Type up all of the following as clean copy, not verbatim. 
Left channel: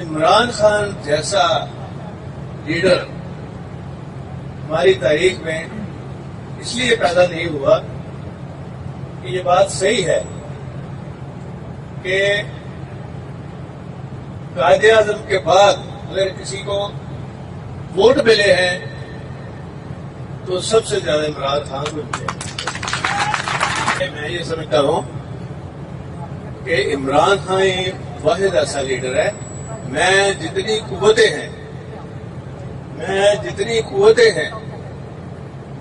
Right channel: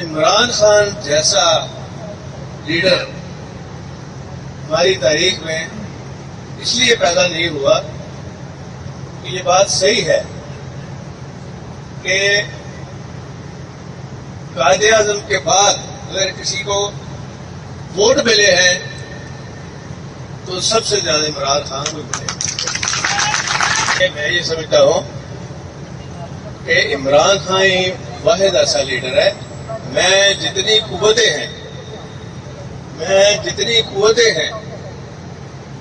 عمران خان جیسا لیڈر ہماری تاریخ میں اس لیے پیدا نہیں ہوا کہ یہ بات صحیح ہے کہ قائد اعظم کے بعد اگر کسی کو ووٹ ملے ہیں تو سب سے زیادہ عمران خان کو ملے. میں یہ سمجھتا ہوں کہ عمران خان ہی واحد ایسا لیڈر ہے. میں جتنی قوتیں ہیں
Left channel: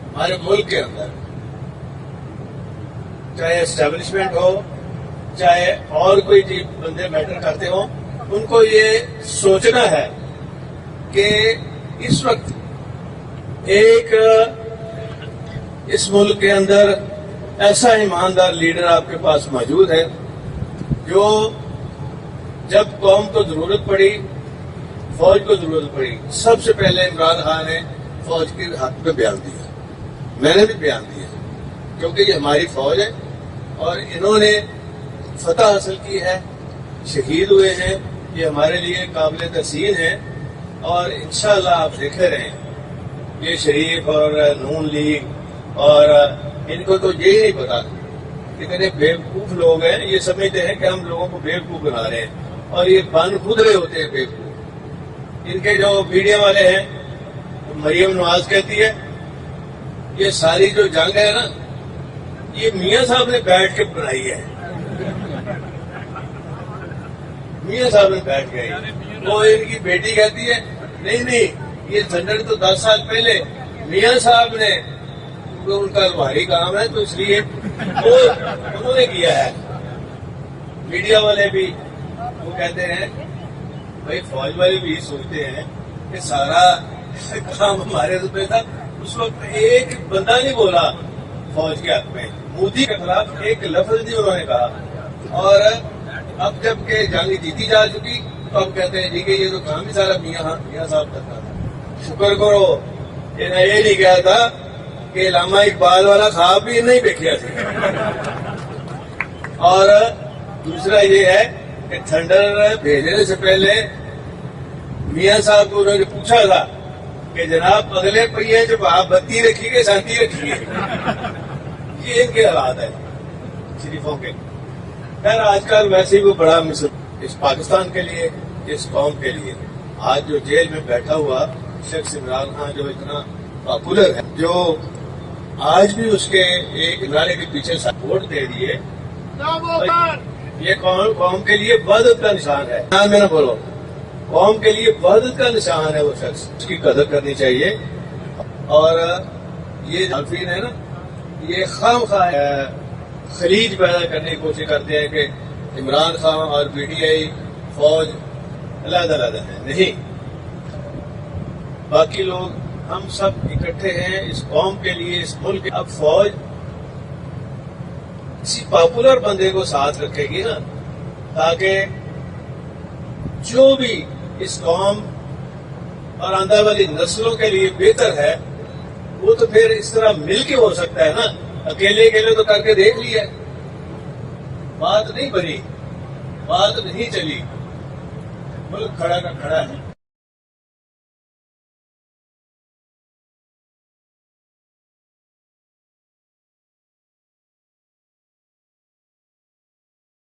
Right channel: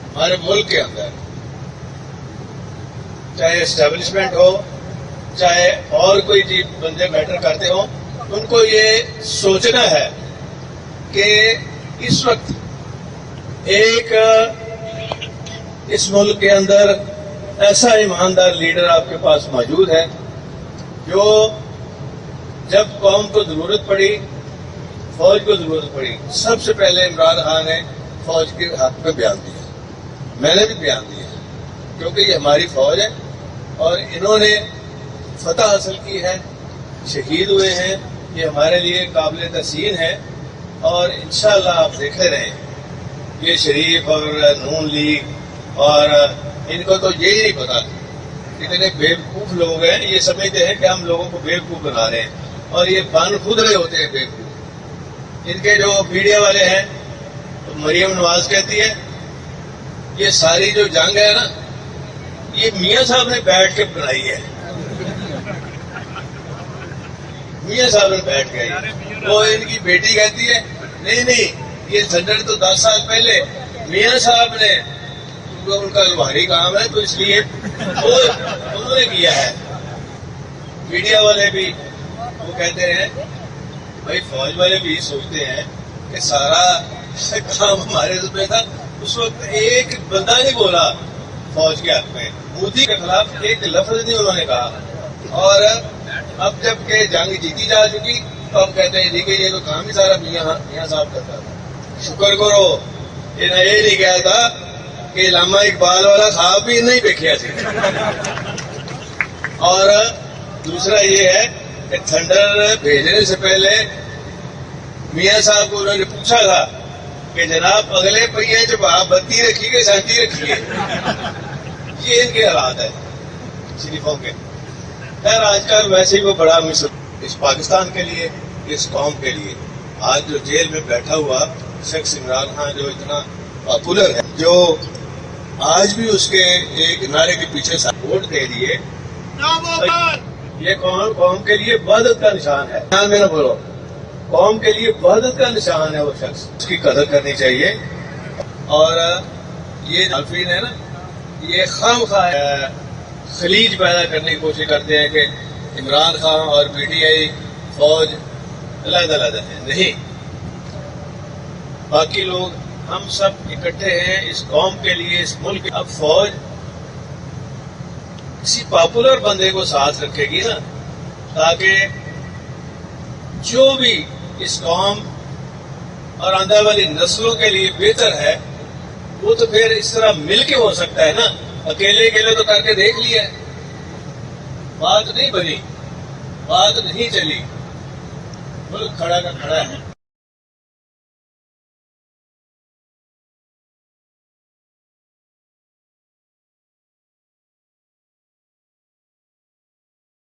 ہمارے ملک کے اندر، چاہے اسٹیبلشمنٹ ہو چاہے اور کوئی بندے میٹر کرتے ہوں، ان کو یہ سوچنا ہے کہ اس وقت ایک اس ملک کے اندر ایسا ایماندار لیڈر آپ کے پاس موجود ہے جو جب قوم کو ضرورت پڑی، فوج کو ضرورت پڑی، سب سے پہلے عمران خان نے فوج کے حق میں بیان دیا. میں نے بھی بیان دیا کیونکہ یہ ہماری فوج ہے اور انہوں نے فتح حاصل کی ہے، شہید ہوئے ہیں. یہ ہمارے لیے قابل تحسین ہے اور انشاءاللہ آپ دیکھتے رہیں. یہ شریف اور نون لیگ اور ان کو تو یہی نہیں پتا، اتنے بیوقوف لوگ ہیں، یہ سمجھتے ہیں کہ ہم لوگوں کو بیوقوف بنا رہے ہیں اور یہ بن خود رہے ہوتے ہیں بیوقوف. ان کے جو میڈیا والے ہیں مریم نواز کہتی ہے یہ ساری جو جنگ ہے نا یہ میاں صاحب نے بیٹھ کے بنائی ہے. میاں صاحب نے بیٹھ گئی. وہ ان کی بیٹی کہتی ہے نہیں یہ سنڈر تو 10 سال پہلے میاں صاحب نے، ان کا بھاری کام ہے تو اس لیے انہوں نے کیا ہے. میڈیا والے بھی وہ کہتے ہیں، بھائی فوج والے بھی سوچتے ہیں کہ سارا کام ہمارے پہ تھا. اس وقت ایک بندہ نہیں بولا فوج کے حق میں، مودی کے خلاف ایک لفظ نہیں انہوں نے کہا. اور اب جب کہ جنگ جیتی جا چکی تو ہم کہتے ہیں جی کہ یہ تو کام ہی سارا میاں صاحب کرتا تھا. شکر کرو یہ نہیں کہا تھا کہ علامہ اقبال والا خواب بھی نہیں دیکھا سی. اور دوسرا یہ ہے کہ تھنڈر بھیجنے سے پہلے میاں صاحب کو انہوں نے پوچھا تھا کہ جناب اگلے پہیے جب آپ بتی رکھیے گے سینتی رکھیے. یہ ان کے حالات ہے شریفوں کے. خیر آج کل ویسے ہی وہ بڑا اس پاکستان کے لیے، اس قوم کے لیے آج جو جیل میں بیٹھا ہوا شخص عمران خان جو اتنا پاپولر ہے، جو آج بھی اس کے ایک نعرے کے پیچھے ووٹ دے دیے، یہ قوم کے لیے وحدت کا نشان ہے. میں نہ بولو، قوم کے لیے وحدت کا نشان ہے وہ شخص. اس کی قدر کرنی چاہیے. اور یہ حلفین ہے نا، یہ خواہ خلیج پیدا کرنے کی کوشش کرتے ہیں کہ عمران خان اور پی ٹی آئی فوج علیحدہ ہیں. نہیں، باقی لوگ ہم سب اکٹھے ہیں اس قوم کے لیے، اس ملک. اب فوج کسی پاپولر بندے کو ساتھ رکھے گی نا، تاکہ جو بھی اس قوم اور آنے والی نسلوں کے لیے بہتر ہے وہ تو پھر اس طرح مل کے ہو سکتا ہے نا. اکیلے تو کر کے دیکھ لیا، بات نہیں بنی، بات نہیں چلی. ملک کھڑا کا کھڑا ہے.